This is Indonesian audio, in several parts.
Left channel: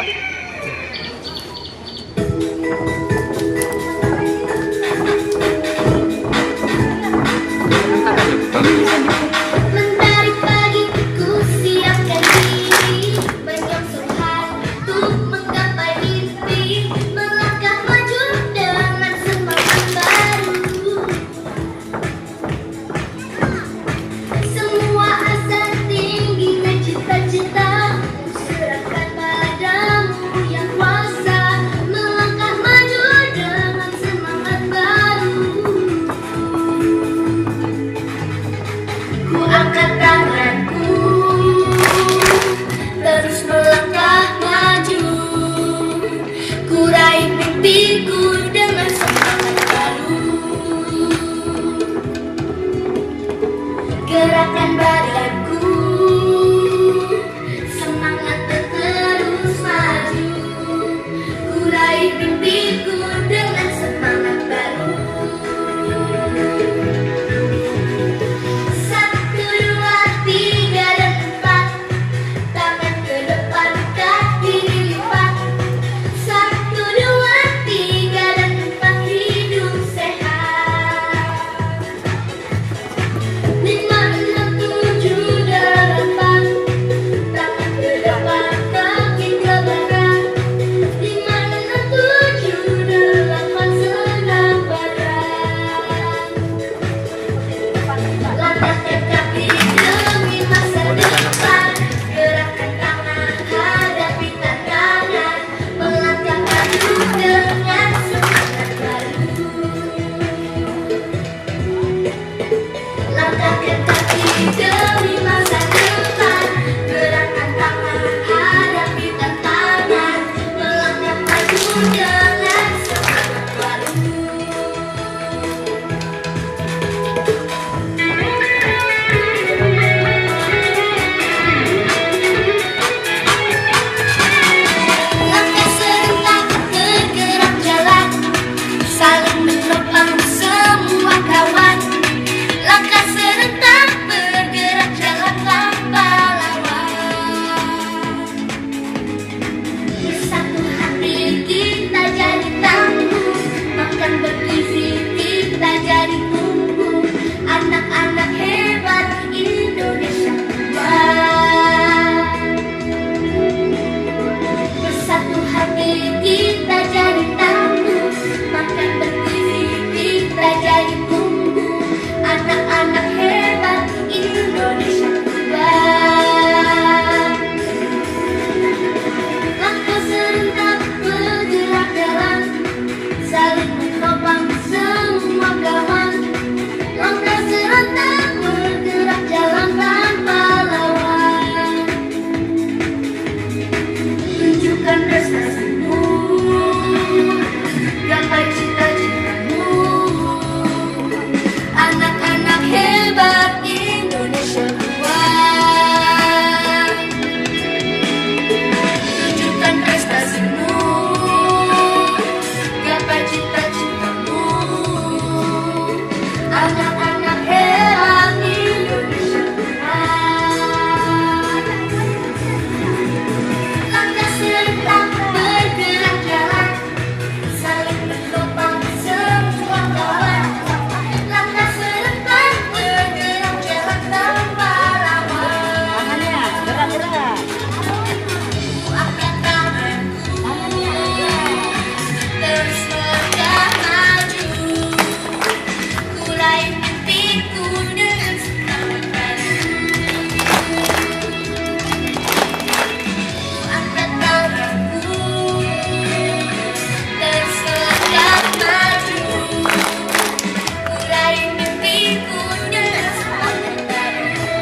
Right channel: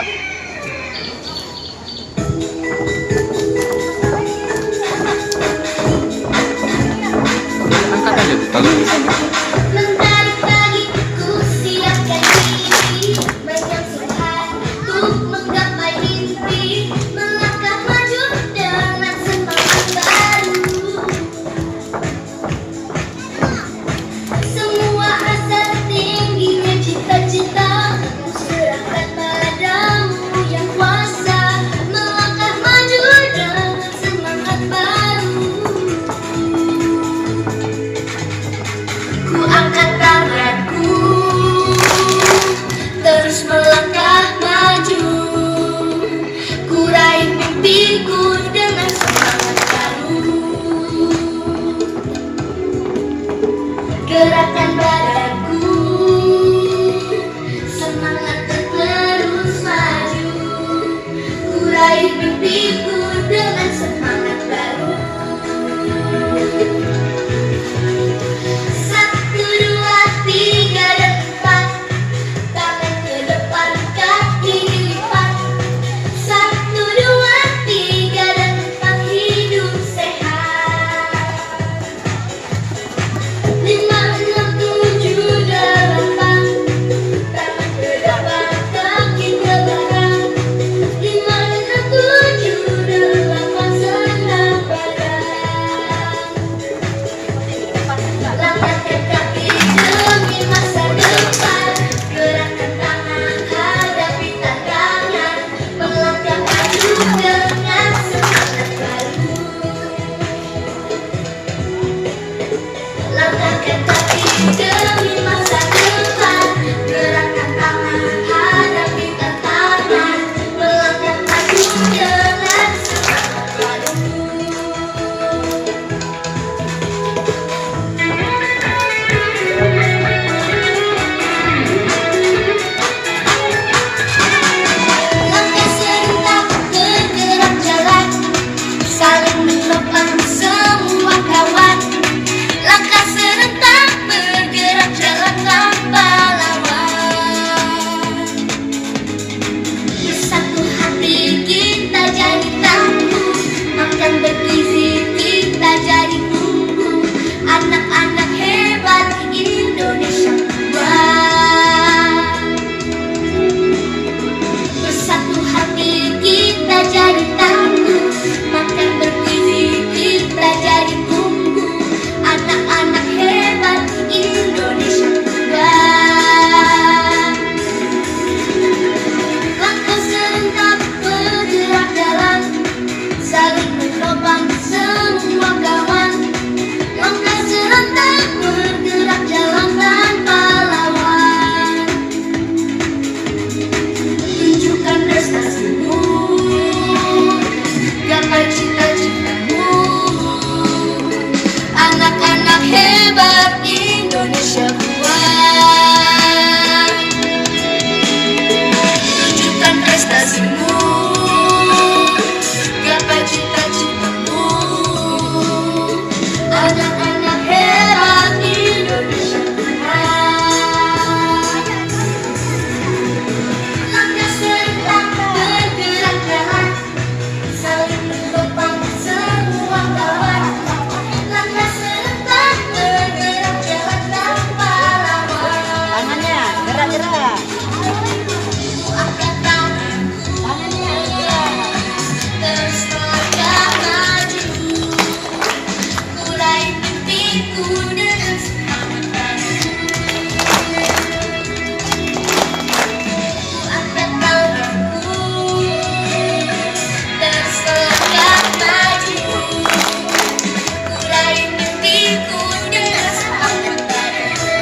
siap. Angkat aja. Mentari pagi ku siapkan diri, banyak semangat untuk menggapai mimpi, melangkah maju dengan semangat baru. Semua asa tingginya cita-cita ku serahkan padamu yang kuasa, melangkah maju dengan semangat baru. Ku angkat tanganku, terus melangkah maju. Ku raih mimpiku dengan semangat baru. Gerakan badanku, semangat terus maju. Ku raih mimpiku dengan semangat baru. Satu, dua, tiga, dan empat. Tangan ke depan, kaki dilipat. Satu, dua, tiga, dan empat. Hidup sehat. Lima, enam, tujuh, delapan. Tangan ke depan, kaki ke belakang. Lima, enam, tujuh, delapan. Senam badan. Langkahkan kaki demi masa depan. Gerakkan tangan hadapi tantangan. Melangkah maju dengan semangat baru. Langkahkan kaki demi masa depan. Gerakkan tangan hadapi tantangan. Melangkah maju dengan semangat baru. Langkah serentak bergerak jelas, saling menopang semua kawan. Langkah serentak bergerak jalan tanpa lawan. Bersatu hati kita jadi tangguh, makan bergizi kita jadi tumbuh. Anak-anak hebat Indonesia kuat. Bersatu hati kita jadi tangguh, makan bergizi kita jadi tumbuh. Anak-anak hebat Indonesia kuat. Langkah serentak bergerak jalan, saling menopang semua kawan. Langkah serentak bergerak jalan tanpa lawan. Tunjukkan prestasimu, gapai cita-citamu. Anak-anak hebat Indonesia kuat. Tunjukkan prestasimu, gapai cita-citamu. Anak-anak hebat Indonesia kuat. Langkah serentak bergerak jalan, saling menopang semua kawan. Langkah serentak bergerak jalan tanpa lawan. Gerak-gerak. Angkat tanganku, terus melangkah maju. Ku raih mimpiku dengan semangat baru. Angkat tanganku, terus melangkah maju. Ku raih mimpiku dengan semangat baru.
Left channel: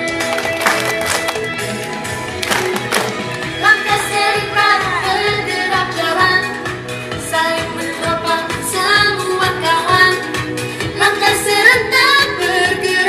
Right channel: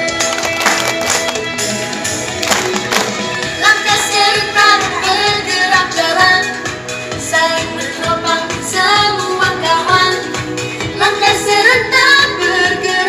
Langkah serentak bergerak jalan, saling menopang semua kawan. Langkah serentak bergerak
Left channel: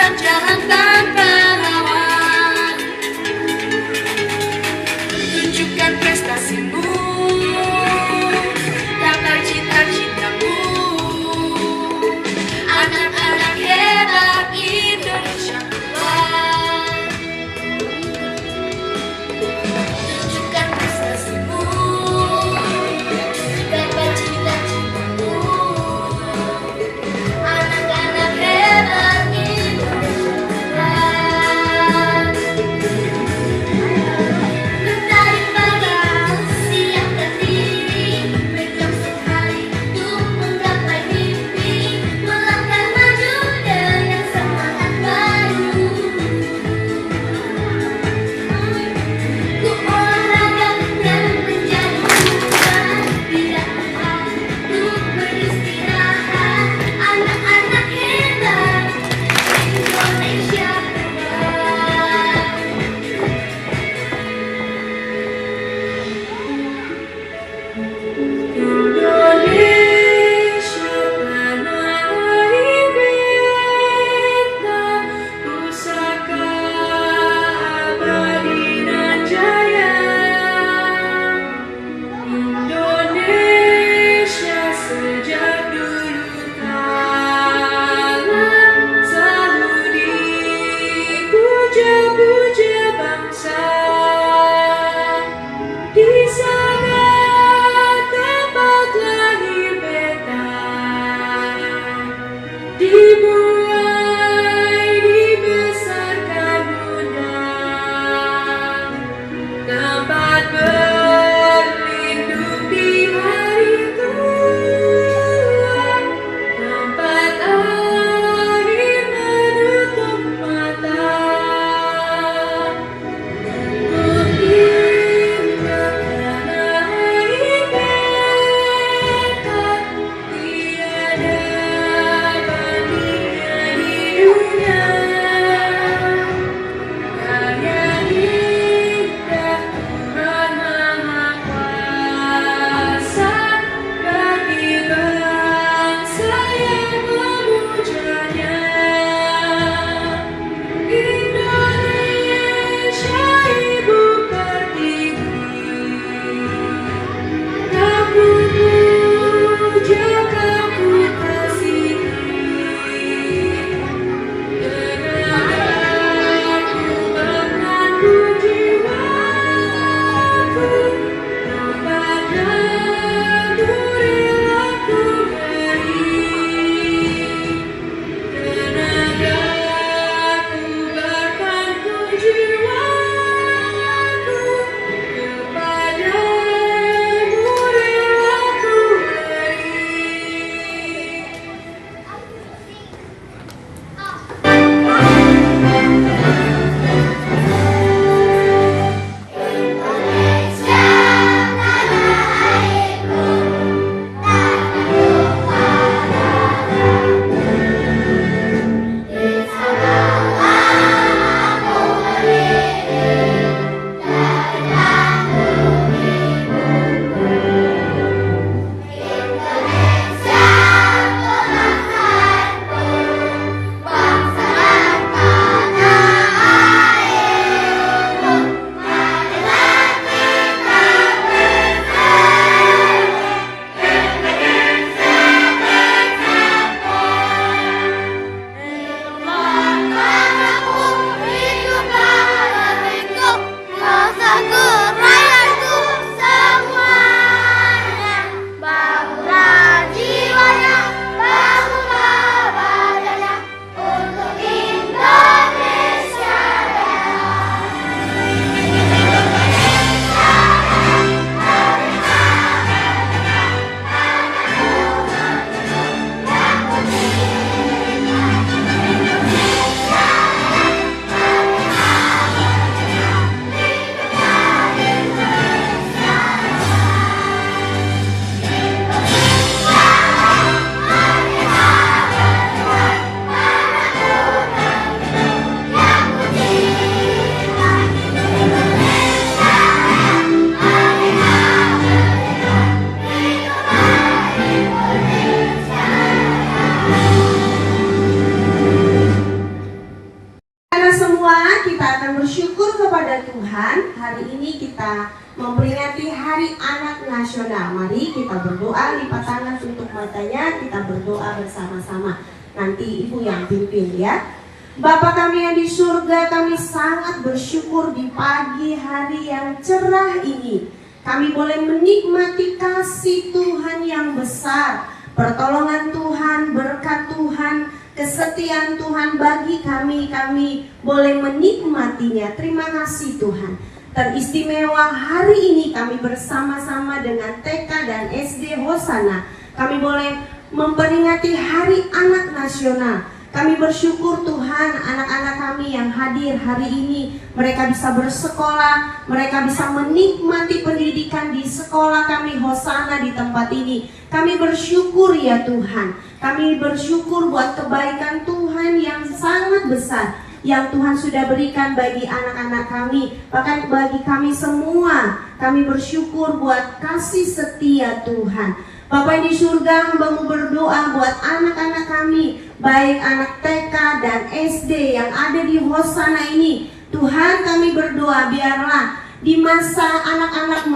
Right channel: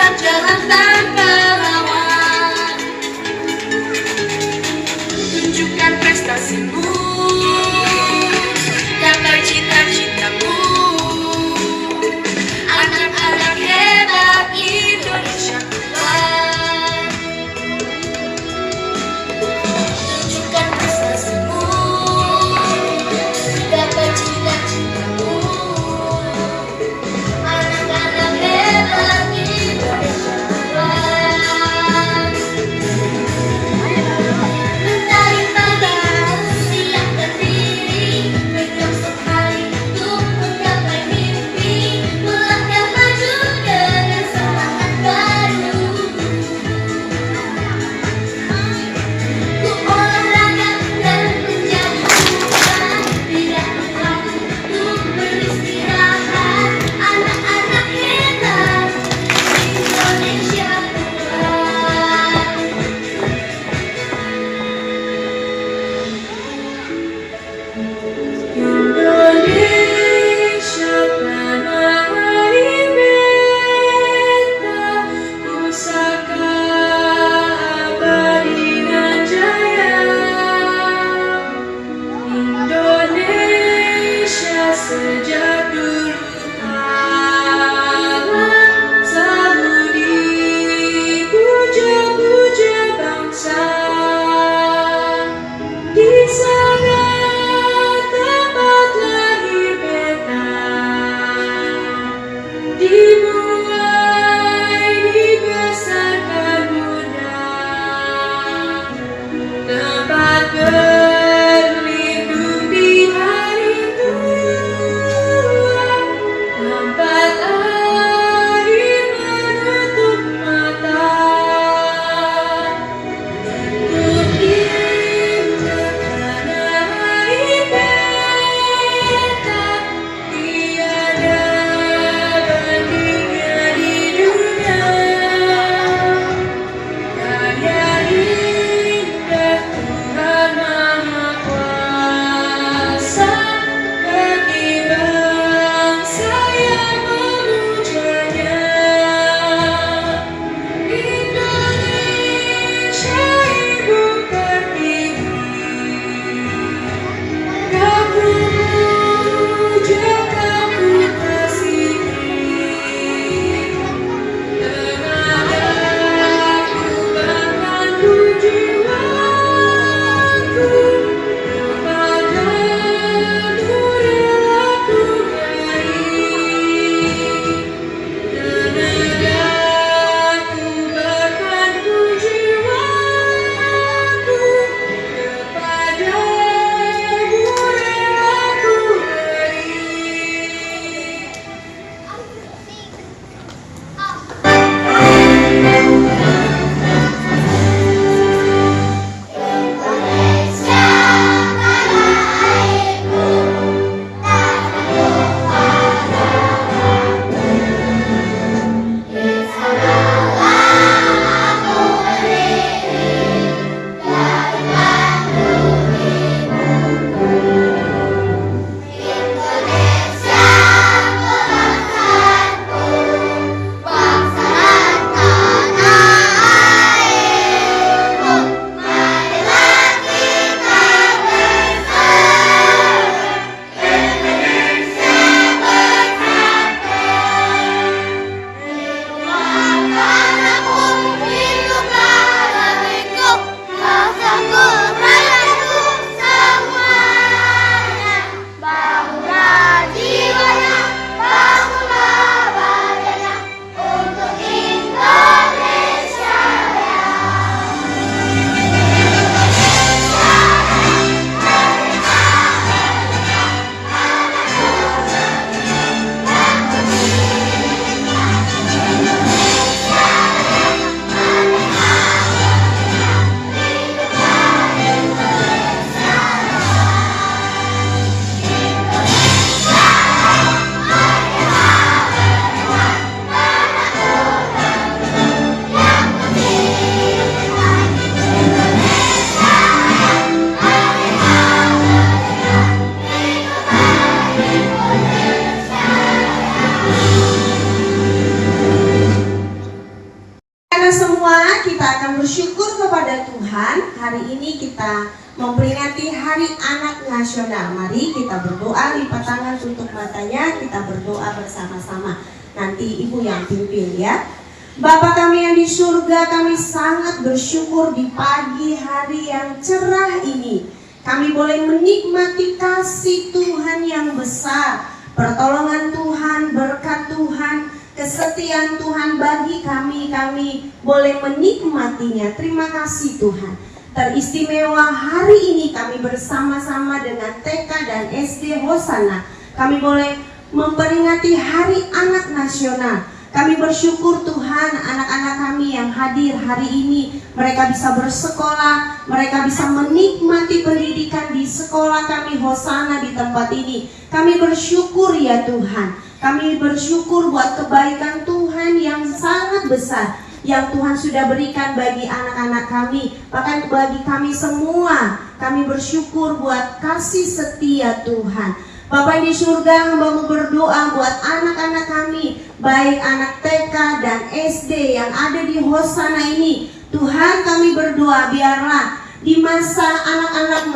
Tuhan, hari ini kita memperingati Hari Anak Nasional. Mari kita berdoa, lipat tangan tutup matanya, kita berdoa bersama-sama. Nanti Ibu yang pimpin ya. Bapa kami yang di surga, kami sangat bersyukur di pagi hari yang cerah ini. Kami boleh menikmati kasih Tuhan yang besar, pertolongan Tuhan, berkat Tuhan, kesetiaan Tuhan bagi kami boleh menikmatinya. Terima kasih Tuhan. Teristimewa hari ini kami bersama-sama dengan TK dan SD Hosana, kami boleh memperingati Hari Anak Nasional. Kami bersyukur Tuhan, anak-anak kami yang hadir hari ini, mereka bisa bersekolah, mereka bisa menikmati pendidikan di sekolah kami Hosana di tempat ini. Kami bersyukur ya Tuhan. Kami bersyukur buat kebaikan Tuhan yang sangat besar yang Tuhan sudah berikan bagi anak-anak kami, bahkan bagi kami semua. Kami bersyukur buat kasih setia Tuhan. Bapa di surga, hamba-Mu berdoa buat anak-anak kami, baik anak TK dan SD yang ada di Hosana ini. Tuhan, kami berdoa biarlah di masa anak-anak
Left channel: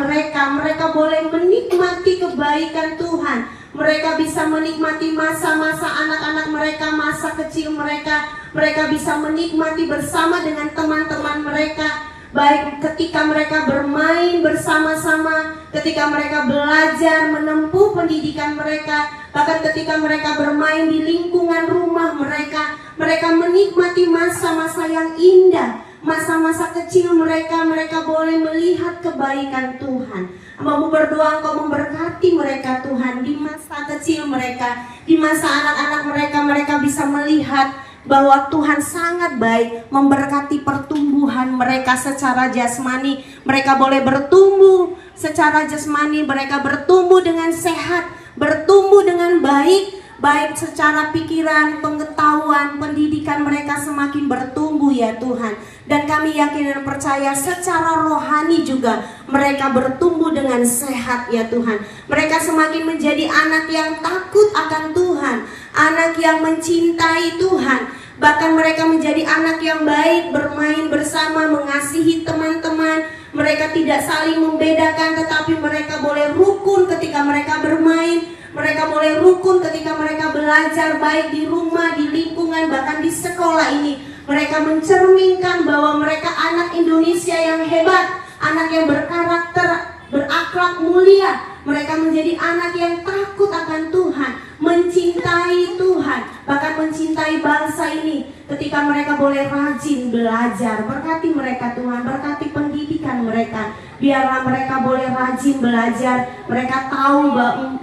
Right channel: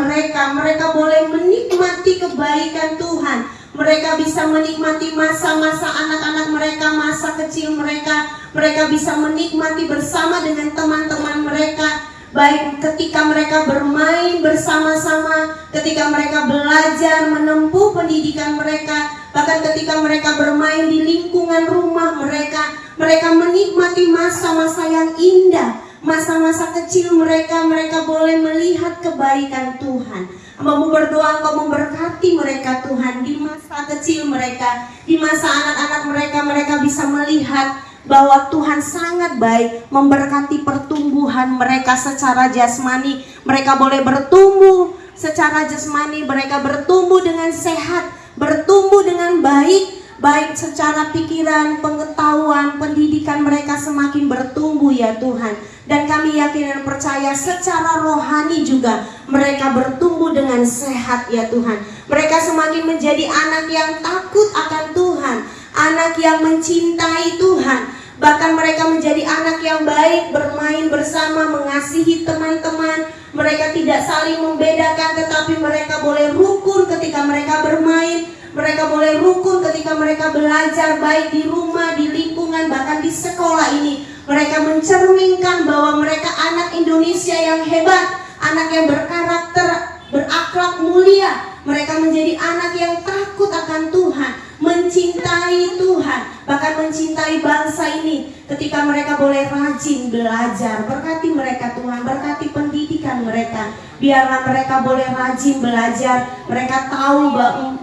mereka boleh menikmati kebaikan Tuhan. Mereka bisa menikmati masa-masa anak-anak mereka, masa kecil mereka. Mereka bisa menikmati bersama dengan teman-teman mereka, baik ketika mereka bermain bersama-sama, ketika mereka belajar menempuh pendidikan mereka, bahkan ketika mereka bermain di lingkungan rumah mereka. Mereka menikmati masa-masa yang indah, masa-masa kecil mereka boleh melihat kebaikan Tuhan. Hamba-Mu berdoa Engkau memberkati mereka Tuhan di masa kecil mereka, di masa anak-anak mereka bisa melihat bahwa Tuhan sangat baik, memberkati pertumbuhan mereka secara jasmani. Mereka boleh bertumbuh secara jasmani, mereka bertumbuh dengan sehat, bertumbuh dengan baik secara pikiran, pengetahuan, pendidikan mereka semakin bertumbuh ya Tuhan. Dan kami yakin dan percaya secara rohani juga mereka bertumbuh dengan sehat ya Tuhan. Mereka semakin menjadi anak yang takut akan Tuhan, anak yang mencintai Tuhan. Bahkan mereka menjadi anak yang baik, bermain bersama, mengasihi teman-teman. Mereka tidak saling membedakan, tetapi mereka boleh rukun ketika mereka bermain. Mereka boleh rukun ketika mereka belajar, baik di rumah, di lingkungan, bahkan di sekolah ini. Mereka mencerminkan bahwa mereka anak Indonesia yang hebat, anak yang berkarakter, berakhlak mulia. Mereka menjadi anak yang takut akan Tuhan, mencintai Tuhan, bahkan mencintai bangsa ini. Ketika mereka boleh rajin belajar, berkati mereka Tuhan, berkati pendidikan mereka. Biarlah mereka boleh rajin belajar, mereka tahu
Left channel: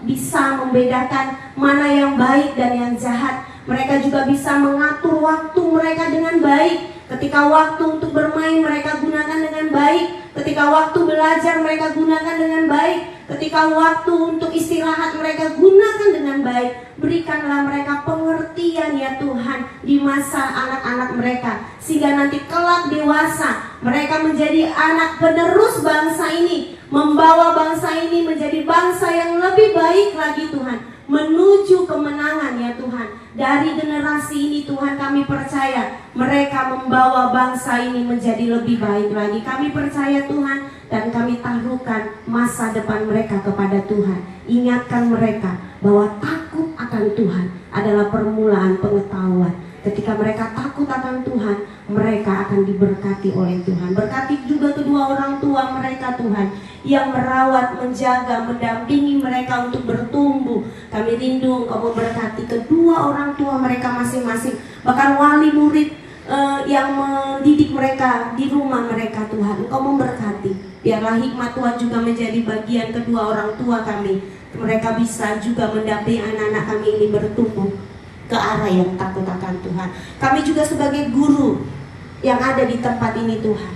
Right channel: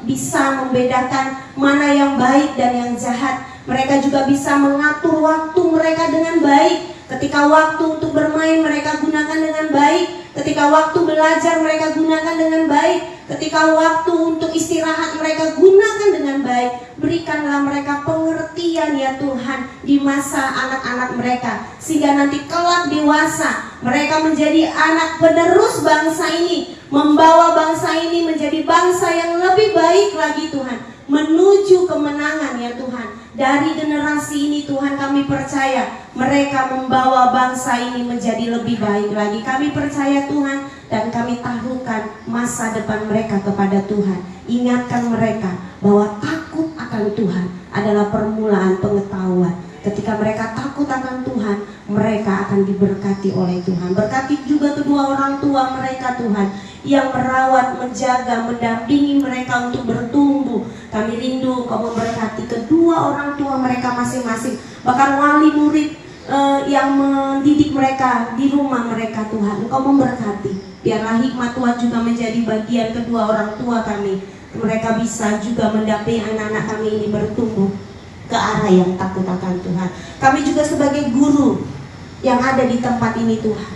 bisa membedakan mana yang baik dan yang jahat. Mereka juga bisa mengatur waktu mereka dengan baik. Ketika waktu untuk bermain mereka gunakan dengan baik, ketika waktu belajar mereka gunakan dengan baik, ketika waktu untuk istirahat mereka gunakan dengan baik. Berikanlah mereka pengertian ya Tuhan di masa anak-anak mereka, sehingga nanti kelak dewasa mereka menjadi anak penerus bangsa ini, membawa bangsa ini menjadi bangsa yang lebih baik lagi Tuhan, menuju kemenangan ya Tuhan. Dari generasi ini Tuhan kami percaya mereka membawa bangsa ini menjadi lebih baik lagi. Kami percaya Tuhan, dan kami taruhkan masa depan mereka kepada Tuhan. Ingatkan mereka bahwa takut akan Tuhan adalah permulaan pengetahuan. Ketika mereka takut akan Tuhan, mereka akan diberkati oleh Tuhan. Berkati juga kedua orang tua mereka Tuhan, yang merawat, menjaga, mendampingi mereka untuk bertumbuh. Kami rindu Engkau memberkati kedua orang tua mereka masing-masing, bahkan wali murid yang mendidik mereka di rumah mereka Tuhan. Engkau memberkati. Biarlah hikmat Tuhan juga menjadi bagian kedua orang tua kami. Mereka bisa juga mendampingi anak-anak kami ini bertumbuh ke arah yang takut akan Tuhan. Kami juga sebagai guru yang ada di tempat ini Tuhan,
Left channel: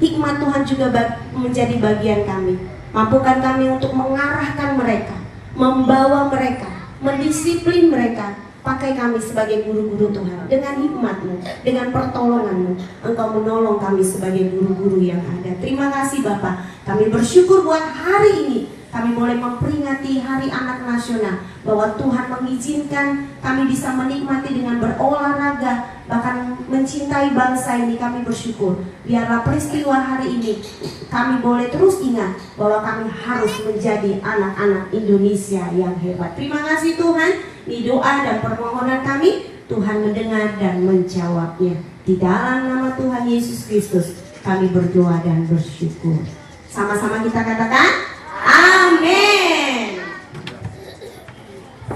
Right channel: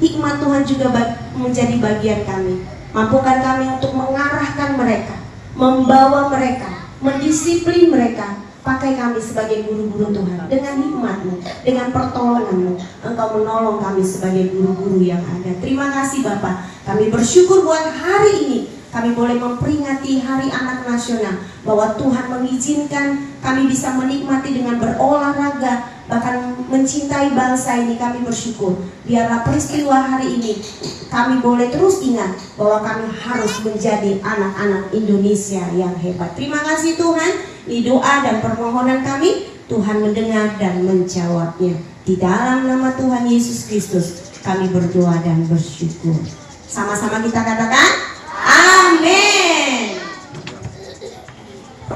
hikmat Tuhan juga menjadi bagian kami. Mampukan kami untuk mengarahkan mereka, membawa mereka, mendisiplin mereka. Pakai kami sebagai guru-guru Tuhan. Dengan hikmat-Mu, dengan pertolongan-Mu, Engkau menolong kami sebagai guru-guru yang ada. Terima kasih Bapa. Kami bersyukur buat hari ini kami boleh memperingati Hari Anak Nasional, bahwa Tuhan mengizinkan kami bisa menikmati dengan berolahraga, bahkan mencintai bangsa ini, kami bersyukur. Biarlah peristiwa hari ini kami boleh terus ingat bahwa kami harus menjadi anak-anak Indonesia yang hebat. Terima kasih Tuhan. Ini doa dan permohonan kami, Tuhan mendengar dan menjawabnya. Di dalam nama Tuhan Yesus Kristus kami berdoa dan bersyukur. Sama-sama kita katakan